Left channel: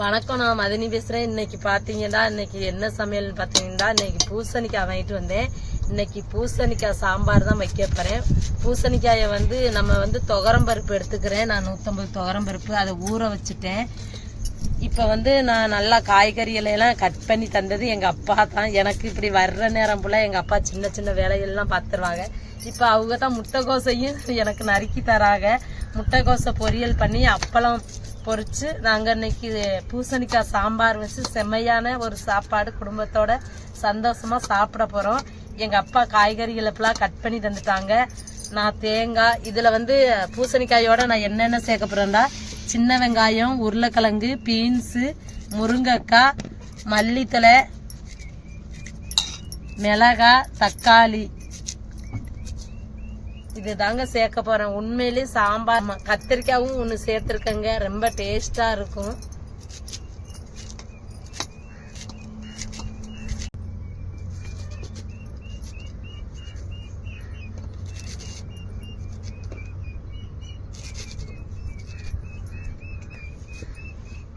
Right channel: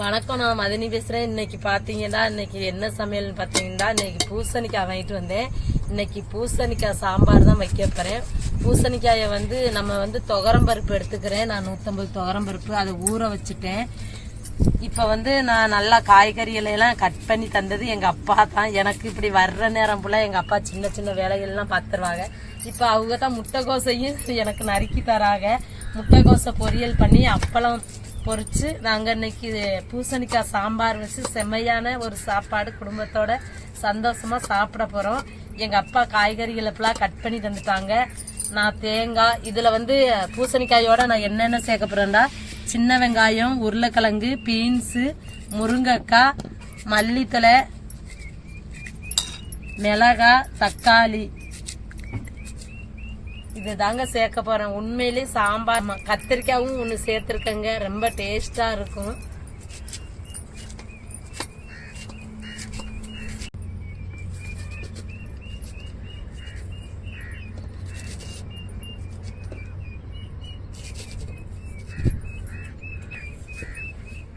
வணக்கம் நான் மதினி பேசுகிறேன் இன்னைக்கு பார்த்தீங்கன்னா இன்னைக்கு என்ன சமையல்னு பார்த்தீங்கன்னா இன்னைக்கு பூசணிக்காய் வாங்கிட்டு வந்தேன். இன்னைக்கு பூசணிக்காய் சாம்பார் தான் வைக்க போகிறேன் பூசணிக்காயை வந்து நம்ம வந்து துவரம் பருப்பு எடுத்துக்கிறேன். நான் நூற்றம்பது துவரம் பருப்பு. அதை ஊற வச்சுட்டேன். இப்போ வந்து நான் நல்லா காய்கறிகளெல்லாம் கட் பண்ணி தந்தது எங்கள் அப்பா தான். எனக்கு இப்படி வர்ற நேரம் போல எங்கள் அப்பா சின்ன சின்ன வேலைகள்லாம் பார்த்துருவாங்க இப்போ அவங்க தான் முட்டைகோசையும் எனக்கு நறுக்கி தராங்க. முட்டைகோசை பொரியல் பண்ணி அப்பளம் பொறிச்சு நாங்கள் இன்னைக்கு பூசணிக்காய் சாம்பார் வச்சு செம்மையான ஒரு சாப்பாடு குடும்பத்தோட சந்தோஷமா சாப்பிட போகிறோம் எங்கள் அப்பா காய்கறிகளை கட் பண்ணி தந்துட்டாங்க. நான் தேங்காய் இதில் வந்து பூசணிக்காயோட நான் என்னென்ன சேர்க்க போகிறேன்டா சின்ன வெங்காயம் உருளைக்கிழங்கு பீன்ஸு முருங்கக்காய் மல்லித்தலை மிளகாய் தக்காளி இது தாங்க சேர்க்க போறேன். உண்மையிலே சாம்பார் கத்திரிக்காயும் ஒன்று சேர்த்துருக்கேங்க. ரொம்ப டேஸ்டா இருக்கும்.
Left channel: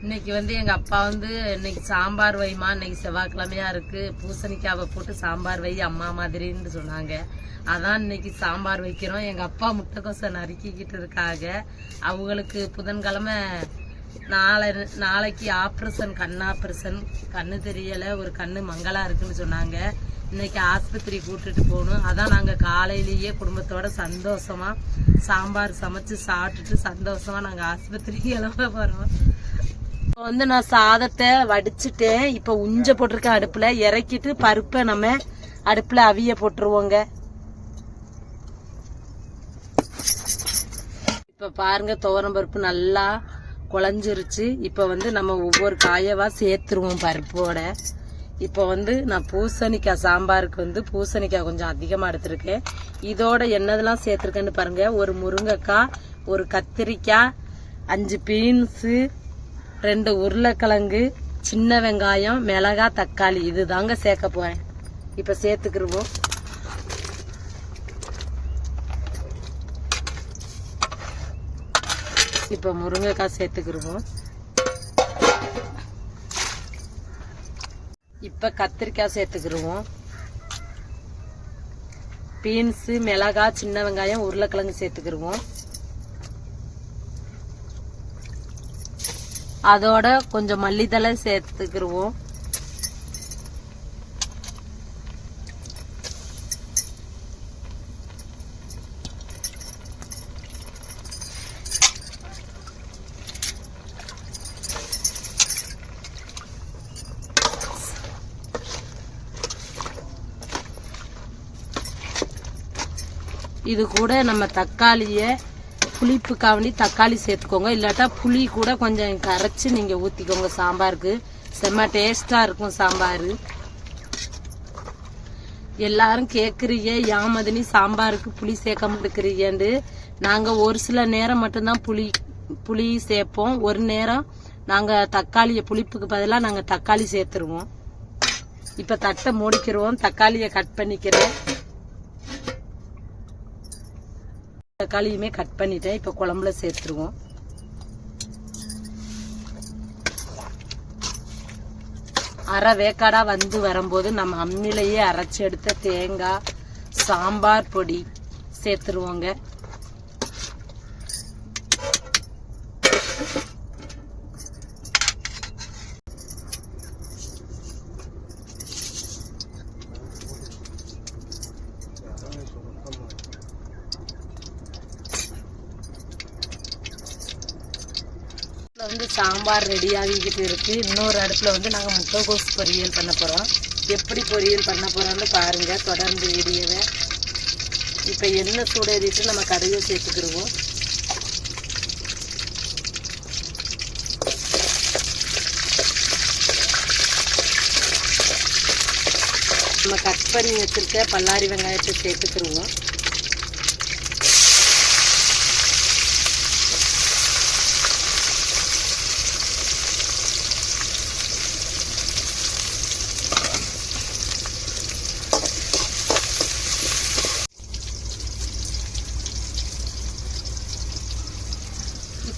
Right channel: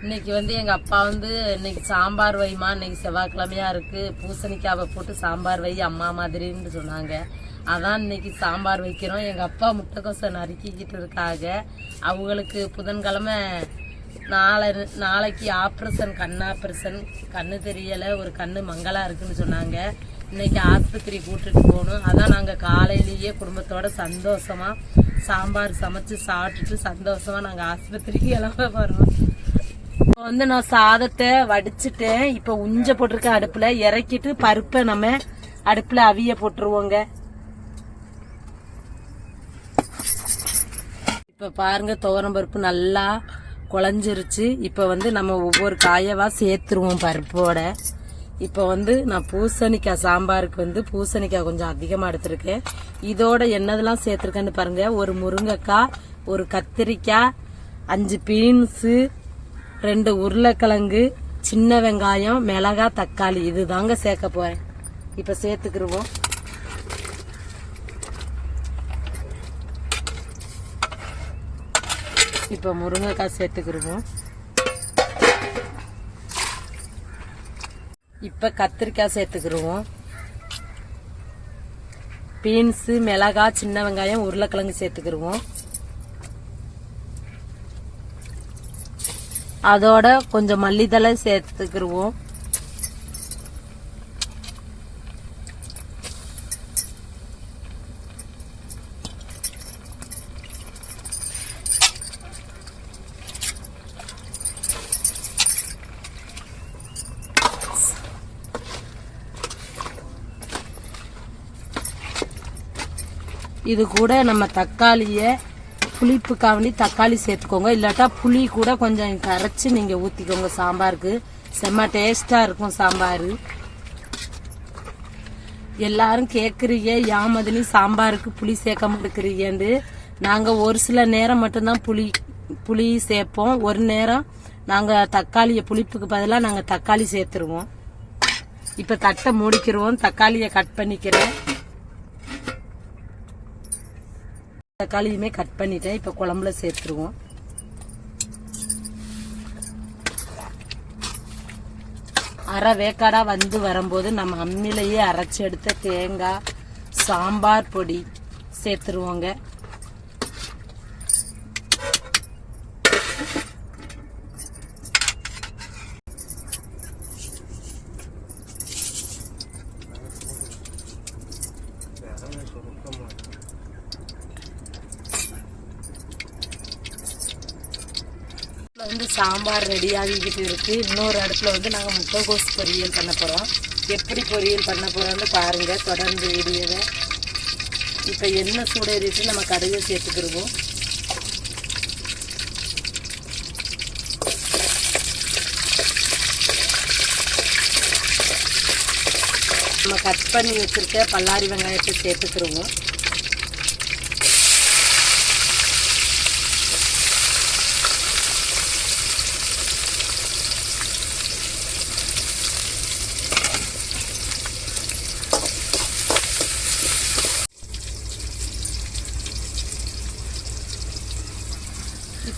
இன்னைக்கு வந்து எங்க அப்பா வந்து இன்னைக்கு சாம்பார் வைமா இன்னைக்கு செவ்வாய்க்கிழமையா இருக்கு. பூசணிக்காவை போட்டு சாம்பார் வை அம்மா மாதிரின்னு சொன்னாங்க. அதான் இன்னைக்கு சாம்பார் வைக்கிறோம். எங்கள் அப்பா முட்டைக்கோசை நறுக்கிக்கிட்டு இருக்காங்க அவங்களுக்கு புதன்கிழமை நாளை நாளைக்கு ஆப்ரேஷன் கண் ஆப்ரேஷன் கண்ணு தெரியலை. ஒரு கண்ணு மங்களாக இருக்குன்னு சொன்னாங்க. இன்னைக்கு ஆஸ்பத்திரி கூட்டிட்டு போகணும். அதான் நாங்கள் காலையிலேயே குடும்பத்தோட சந்தோஷமாக சாம்பார் சமைச்சு சாப்பிட்டுட்டு சந்தோஷமாக நாங்கள் ஆஸ்பத்திரிக்கு கிளம்ப போகிறோம் இப்போ வந்து நான் சாதத்தை வடிச்சிட்டேன். இப்போ உஞ்ச போட்டிருக்கேன் அடுப்பில். இறக்கிட்டு பருப்பை நம்ம அடுப்பில் அவிய போட்டுருவோங்க. இப்போ பாருங்கள் துவரம் பருப்பு நல்லா குழஞ்சிருச்சு. இப்போ வந்து நம்ம ஒவ்வொரு காயவாக சேர்த்துருவோம் பருப்போட. இப்போ வந்து நான் பூசணிக்காய் சாம்பாருக்கு வந்து பூசணிக்காய் கொஞ்சம் அதிகமாக எடுத்திருக்கேன். இதோட என்னதெல்லாம் சேர்த்துருக்கேன்னு பாருங்கள் ஒரு முருங்கைக்காய் ஒரு கத்திரிக்காய் அஞ்சு பீன்ஸு ரெண்டு உருளைக்கிழங்கு சின்ன வெங்காயம் மிளகா தக்காளி. இது தாங்க சேர்க்க போகிறேன் இப்போ சேர்த்துக்கிருவோம். இப்போ முருங்கைக்காய் சேர்த்துக்கிருவோம் இப்போ கத்திரிக்காய் சேர்த்துக்கிருவோம் பீன்ஸு மிளகாய் சின்ன வெங்காயம் உருளைக்கிழங்கு சேர்த்துக்கிருவோம் அதோட கொஞ்சம் மல்லித்தலை சேர்த்துக்கிருவோம் இது கூட நம்ம தக்காளியை புளிப்புக்காண்டி தக்காளி சேர்த்துக்கோங்க. இல்லாட்டா புளி கூட கொஞ்சம் கரைச்சி நீங்கள் ஊற்றிக்கோங்க சாம்பாருக்கு செம்ம டேஸ்ட்டாக இருக்கும் சாம்பார். எல்லாரும் ஏன் யாமதினி சாம்பாருக்கு புளி சேர்க்க மாட்டேங்கிறீங்கன்னு நாங்கள் ஒரு சில நேரம் மட்டும்தான் புளி புளி சேர்ப்போம். ஒரு நேரம் நாங்கள் தக்காளியை புளிப்புக்கு பதிலாக நாங்கள் தக்காளி சேர்த்துருவோம். இப்போ தட்டை முடிக்கிறோம் தக்காளியை கட் பண்ணிக்கிறேன். தக்காளியுமே கட் பண்ணிட்டேன். இப்ப குழம்புல சேர்த்துருவோம். அரை வேக்காடா வந்து வரும்போது நம்ம அம்மிலேயே அரைச்சி எடுத்த தேங்காய் சாம்பார் பொடி சேர்த்துருவோங்க அடுப்புல வந்து சாம்பார் ரெடி ஆகிக்கிட்டு இருக்குது இன்னொரு இடத்துல வந்து நாங்கள் முட்டைகோஸ் பொரியல் பண்ண போகிறோம் எப்படி பொரியல் பண்ண போகிறோம்னு பாருங்க. தொடர்ந்து வீடியோவை. இப்போ எண்ணெய் சூடேறிட்டு நம்ம கடையை சேர்த்துக்கிடுவோம். நம்ம கட் பண்ணி வச்சுருக்க பல்லாரி வெங்காயத்தை சேர்த்துக்கிடுவோம்.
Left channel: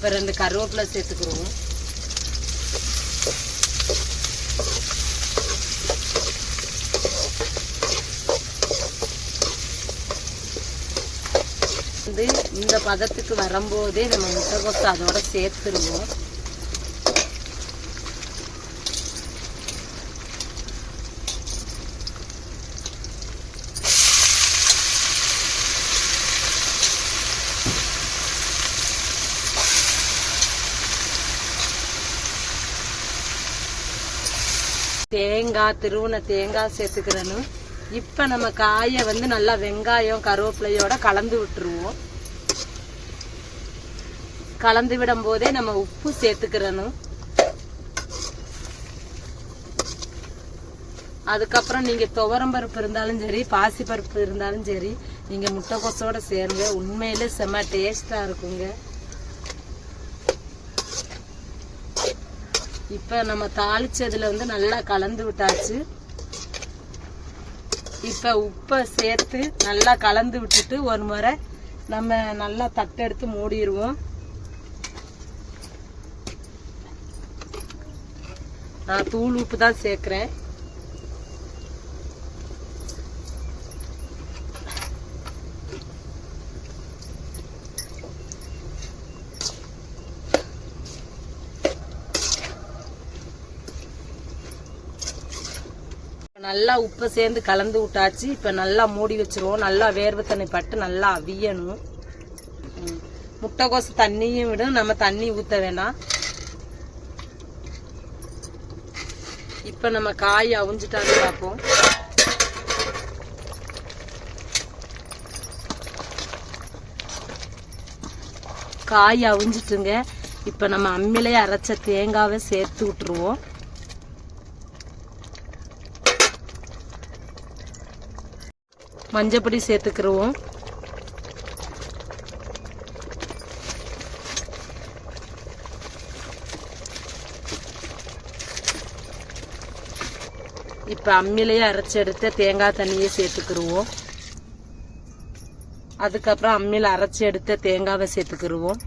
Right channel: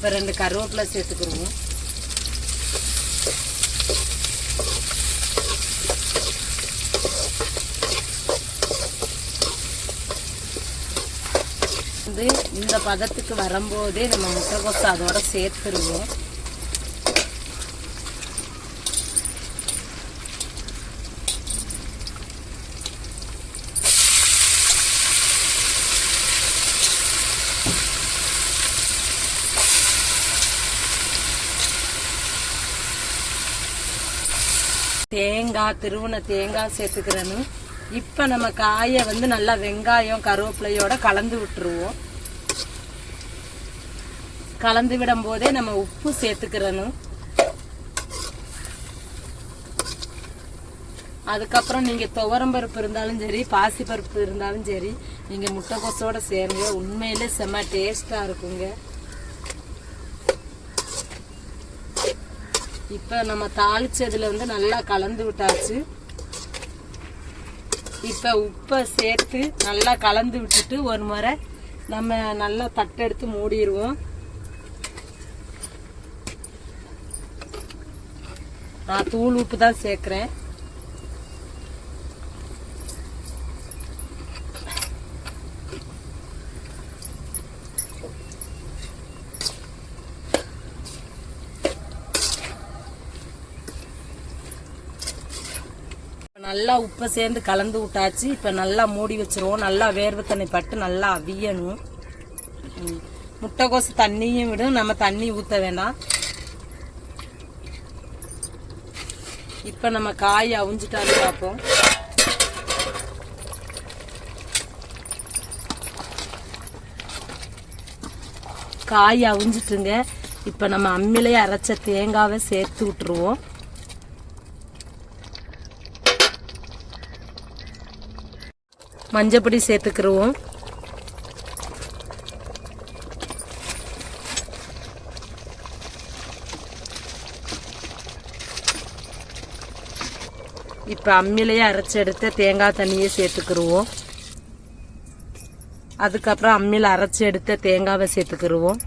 இப்போ ரெண்டு கருவேப்பிலை சேர்த்துக்கிறோம். வந்து இந்த பதத்துக்கு வரும்போதே நம்ம முட்டைகோஸ் அதோட சேர்த்துருவோம். தேங்காய் திருவுன தேங்காய் சேர்த்துக்கிறணும் இப்போ நம்ம காயை வந்து நல்லா வெங்காயம் கருவேப்பிலையோட கலந்து விட்டுருவோம். கலந்து விடும் போதே நம்ம உப்பு சேர்த்துக்கிறணும் அதுக்கப்புறம் நீங்கள் துவரம் பருப்பு இருந்தாலும் சரி பாசி பருப்பு இருந்தாலும் சரி நீங்கள் முட்டைக்கோசோட சேருங்க. உண்மையில் செம்ம டேஸ்ட்டாக இருக்குங்க. இப்போ நம்ம தாளிச்சதுல வந்து நல்லா கலந்து விட்டாச்சு. இப்போ உப்பை சேர்த்து நல்லா கலந்து விட்டுட்டு ஒரு முறை நம்ம நல்லா தட்டெடுத்து மூடிடுவோம். நான் தூள் உப்பு தான் சேர்க்குறேன். நல்லா உப்பை சேர்ந்து கலந்து விட்டாச்சு. இப்போ நல்லா மூடி வச்சிருவோம். நல்லா வேர்வை தண்ணி பட்டு நல்லா அவியணும். முட்டைக்கோசு தண்ணியும் விடும். நம்ம தண்ணி ஊற்ற வேணாம். இப்போ நம்ம காய் அவிஞ்சிட்டான்னு பார்ப்போம். காய் அவிஞ்சிட்டுங்க. இப்போ நம்ம அம்மிலேயே அரைச்ச தேங்காவை சேர்த்து விட்டுருவோம். மஞ்சப்பொடி சேர்த்துக்கிருவோம். இப்போ அம்மிலேயே அரைச்சி எடுத்த தேங்காய் தண்ணியை சேர்த்துக்கிருவோம். அதுக்கப்புறம் அம்மியில் அரைச்சி எடுத்த தேங்காவை சேர்த்துக்கிருவோம்.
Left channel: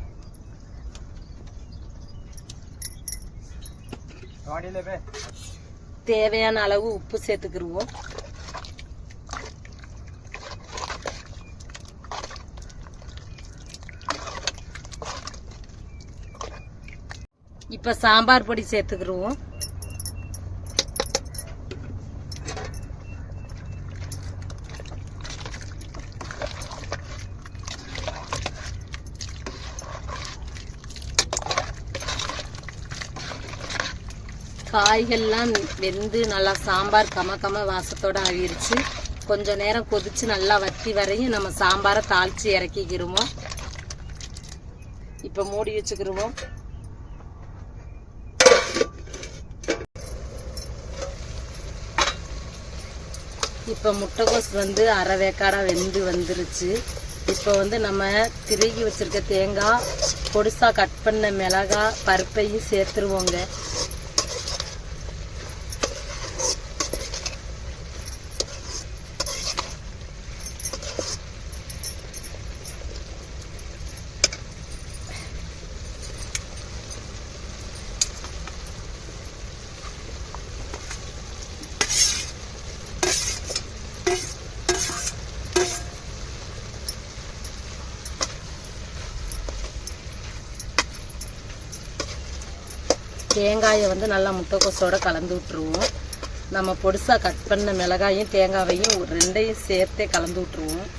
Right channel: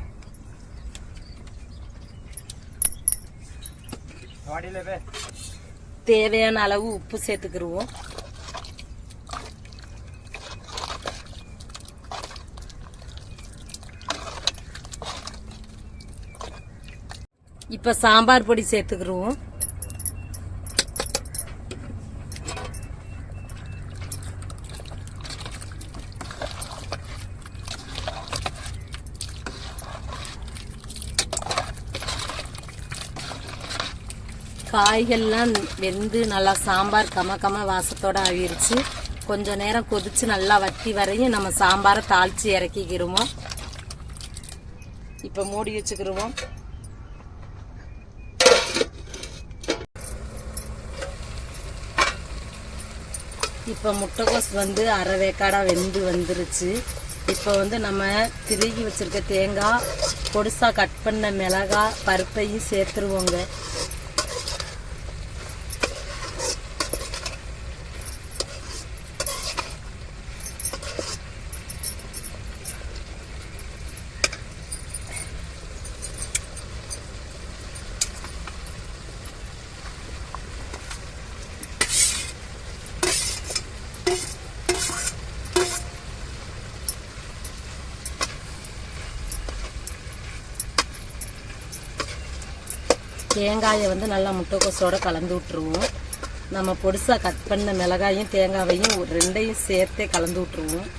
தேவையான அளவு உப்பு சேர்த்துக்கிருவோம். இப்ப சாம்பார் பொடி சேர்த்துக்கிருவோம் காய்கள்லாம் வெந்து நல்லா சாம்பார் கம கம வாசத்தோட ஆகிருச்சு. கொஞ்ச நேரம் கொதிச்சு நல்லா வத்தி வரையும் நம்ம சாம்பாரை தாளிச்சு இறக்கிக்கிருவோம். இப்போ மூடி வச்சுக்கிருவோம். இப்போ முட்டைகோஸ் வந்து அரை வேக்காடாக வெந்து வந்துருச்சு. இப்போ வந்து நம்ம திருகி வச்சுருக்க தேங்காய் பொடிசாக கட் பண்ண மிளகாய் பருப்பையும் சேர்த்துருவோங்க. தேங்காயை வந்து நல்லா முட்டைக்கோசோட கலந்து விட்டுருவோம். நம்ம பொடிசா கட் பண்ண மிளகாயும் தேங்காவையும் ரெண்டையும் சேர்த்தே கலந்து விட்டுருவோம்.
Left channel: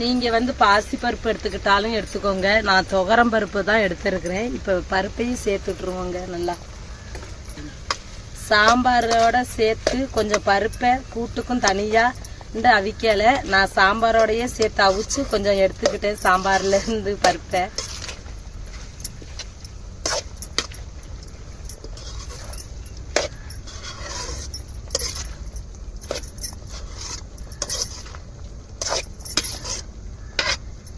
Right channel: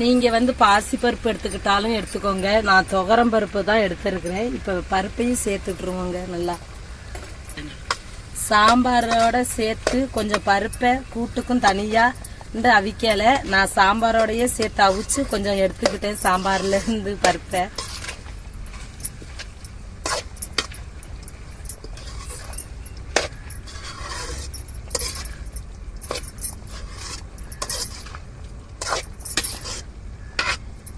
நீங்கள் வந்து பாசி பருப்பு எடுத்துக்கிட்டாலும் எடுத்துக்கோங்க. நான் துவரம் பருப்பு தான் எடுத்துருக்குறேன். இப்போ பருப்பையும் சேர்த்துட்ருவோங்க நல்லா. சாம்பாரோட சேர்த்து கொஞ்சம் பருப்பை கூட்டுக்கும் தனியா இந்த அவிக்கல நான் சாம்பாரோடையே சேர்த்து அவிச்சு கொஞ்சம் எடுத்துக்கிட்டேன் சாம்பார்ல இருந்து பருப்பை.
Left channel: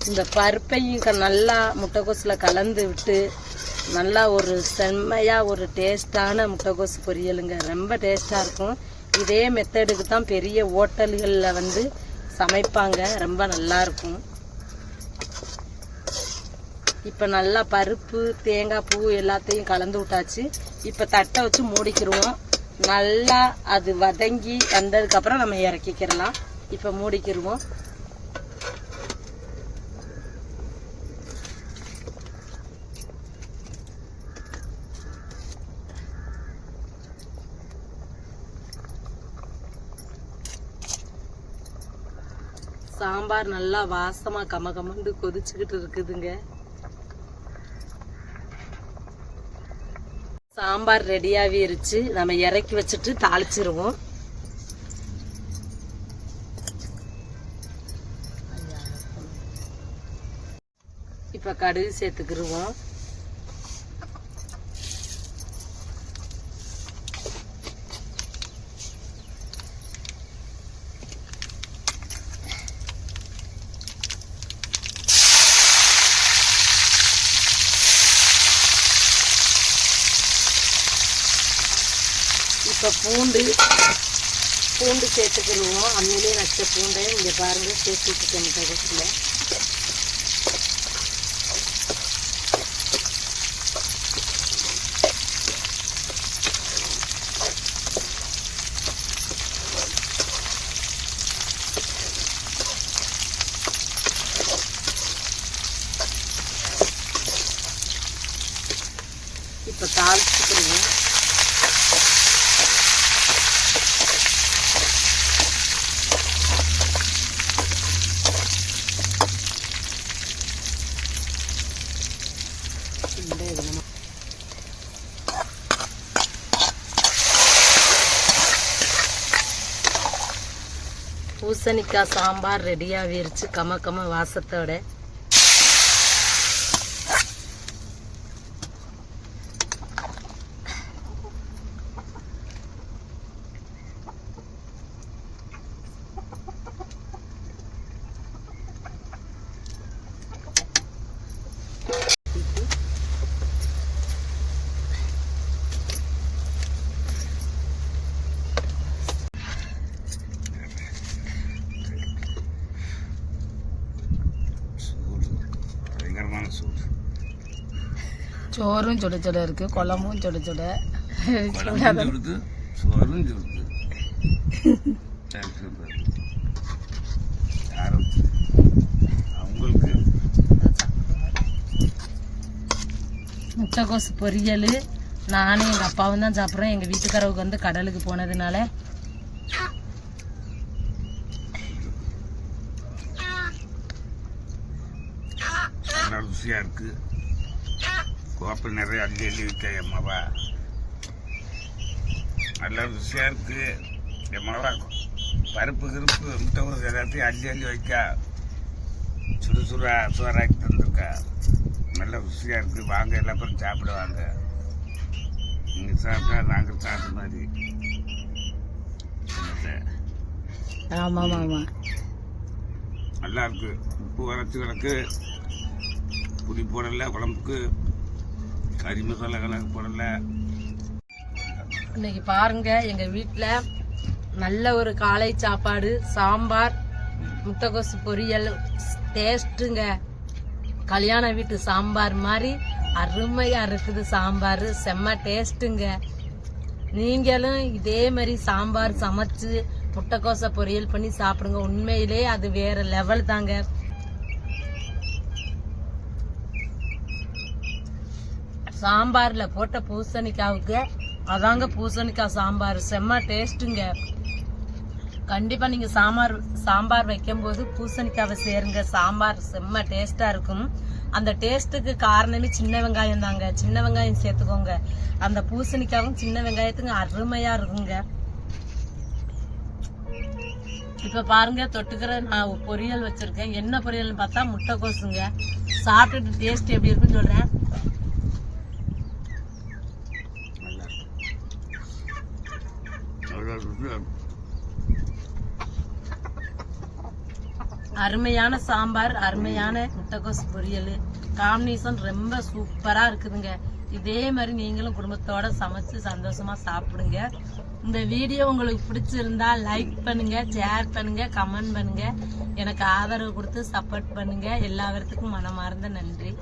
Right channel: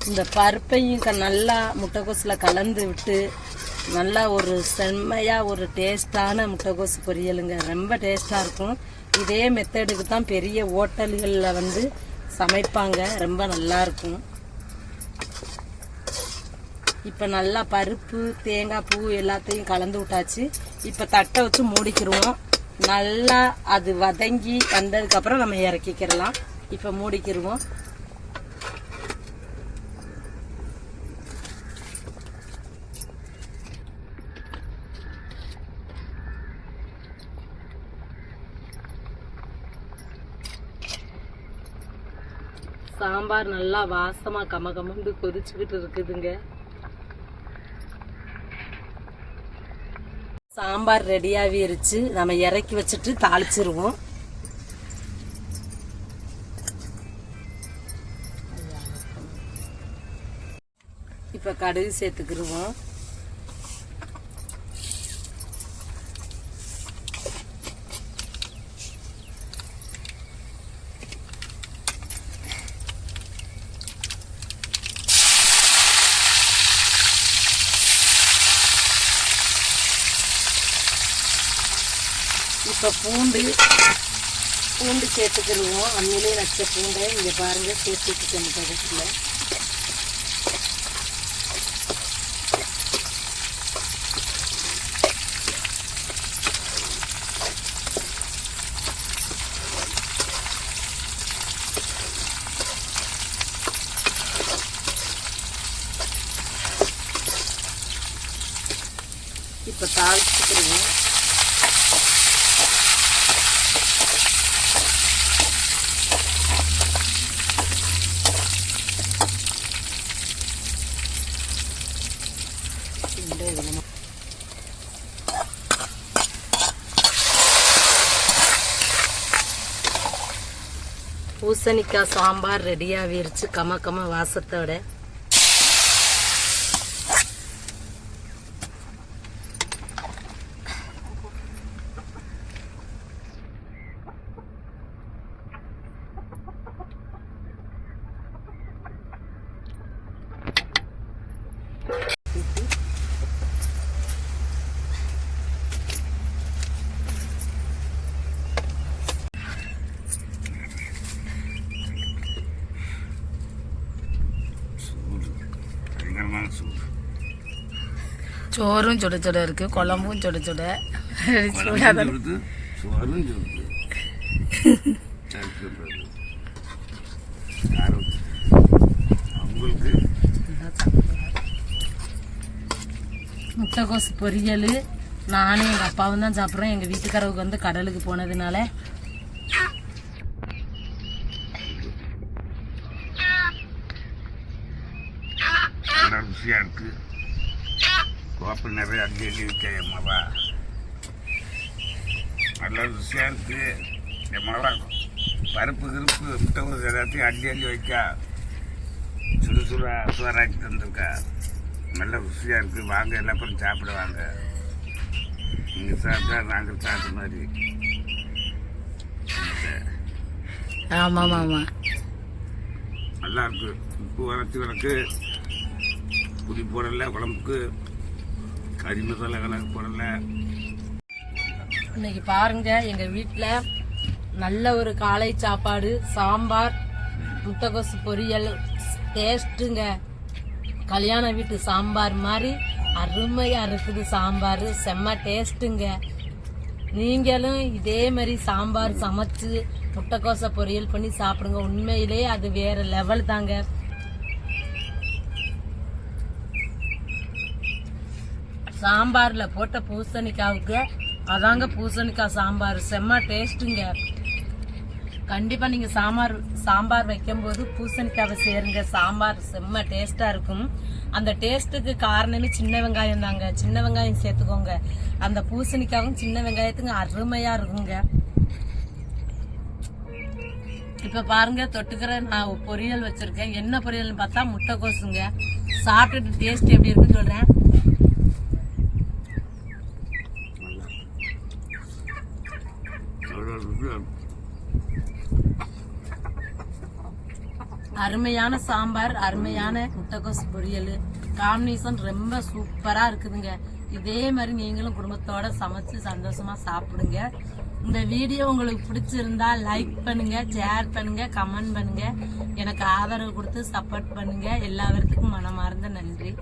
இந்த பருப்பையும் க- நல்லா முட்டைகோசில் கலந்து விட்டு நல்லா ஒரு செம்மையாக ஒரு டேஸ்டான முட்டைக்கோசு பொரியலுங்க. ரொம்ப டேஸ்ட்டாக இருக்கும். இதே மெத்தடுக்கு தான் பெரிய ஹோட்டல்களில் வந்து சமைப்பாங்க. ரொம்ப நல்லாயிருக்கும் இப்போ நல்லா பருப்பு தேங்காய் பூ எல்லாத்தையும் கலந்து விட்டாச்சு. இப்போ தட்டை வச்சு மூடிக்கிடுவோம் நல்லா அது வதங்கி வந்ததுக்கப்புறம் நம்ம இறக்கிக்கிறலாம் இப்போ மூடிக்கிடுவோம் சாம்பார் நல்லா வாசமா கம கமந்து கொதிச்சுக்கிட்டு இருக்குதுங்க. சாம்பார் ரெடியாகிருச்சு நம்ம இறக்கி வச்சுட்டு தாளிச்சிருவோம். இப்போ கடுகு சேர்த்துக்கிருவோம். இப்போ பூண்டு பூண்டு சேர்த்துக்கிடுவோம் அம்மிலே வச்ச பூண்டை இங்கே பாருங்க சேர்த்துக்கிட்டு கடைசியில் இப்போ தாளிச்சுக்கிடுவோம் இந்த இதுல பூசணிக்காய் சாம்பார் ரெடியாகிருச்சு கம கம வாசத்தோட பயங்கரமான சூடு சோறும் சுட சுட இருக்கு குழம்பும் சுட சுட. முட்டைகோஸ் பொரியல். நானும் எங்கள் அப்பாவும் தான் சாப்பிட்றோம். எங்கள் வீட்டுக்காரவுக்கு வந்து கடலுக்கு போனதுனால. ருசியாக இருக்கு. கோப்பை நிறைய அள்ளி அள்ளி விற்க என் மவா. நல்ல ருசியாக இருக்கு. என் மவா பருப்பு கிருப்பு முட்டை எல்லாத்தையும் அள்ளி வைக்கா. சுடா சோறாக்கி தந்திருக்கா. நல்ல ருசியாக இருக்கு. வாங்க எல்லா பேரும் சாப்பிடுவாங்க நீங்கள் சாப்பிட்டா நாங்கள் சாப்பிட்ட மாதிரி. ஆமா ஆமா நல்லா இருக்கு. உப்பு வரைச்சி கிடக்கு. புளி போடலை குழம்புக்கு. கறி மசாலா கணக்கு போடல. இன்னைக்கு பாருங்க எங்கள் வீட்டில் நல்ல ஒரு காலை சாப்பாடு சாம்பார் முட்டைகோசு பொரியல் டேஸ்ட்டுங்க கல்யாண வீட்டு சாம்பார் மாதிரி அருமையாக இருக்குது சாம்பார் செம்ம டேஸ்ட்டுங்க நீங்களும் இதே மாதிரி சாம்பார் சமைச்சு முட்டைக்கோசை பொரியல் பண்ணி சாப்பிடுங்க. உண்மையிலே அது வேற லெவல் தாங்க. சாம்பார்ல போட்ட பூசணிக்காவுக்கு அதாங்க பூசணிக்காய் சாம்பார். செம்ம டேஸ்ட்டுங்க. கண்டிப்பா நீங்க சாம்பார் சாம்பார் வைக்கும்போது பூசணிக்காவை சேருங்க. சாம்பார் செம்ம டேஸ்டா இருக்கும். அந்த டேஸ்ட்டுக்கு காரணமே சின்ன வெங்காயம் தாங்க. சின்ன வெங்காயம் சேர்த்துக்கோங்க. அந்த பூசணிக்காவும் சின்ன வெங்காயத்துக்கு அருமையா இருக்குங்க. இப்போ பாருங்க தொட்டுக்கிற நான் பொரியல் வச்சுருக்கேன். என்ன பொரியல்னு பார்த்தா முட்டைக்கோசுங்க சாப்பிட்டுட்டு டேஸ்ட் எப்படி இருக்குன்னு சொல்கிறேன் நல்லா ருசியாக இருக்கும் அருமையான சாம்பார் அருமையான முட்டைக்கோஸ் பொரியல். காம்பினேஷன் ரொம்ப சூப்பரா இருக்குதுங்க. இதே மாதிரி நீங்களும் குடும்பத்தோட சமைச்சு சந்தோஷமா சாப்பிடுங்க. இந்த வீடியோ உங்களுக்கு பிடிச்சிருந்தா லைக் பண்ணுங்க ஷேர் பண்ணுங்க கமெண்ட் பண்ணுங்க. எனக்கு ஆதரவு கொடுத்து சப்போர்ட் பண்ணுங்க. எல்லா பேர்த்துக்கும் மனமார்ந்த நன்றி.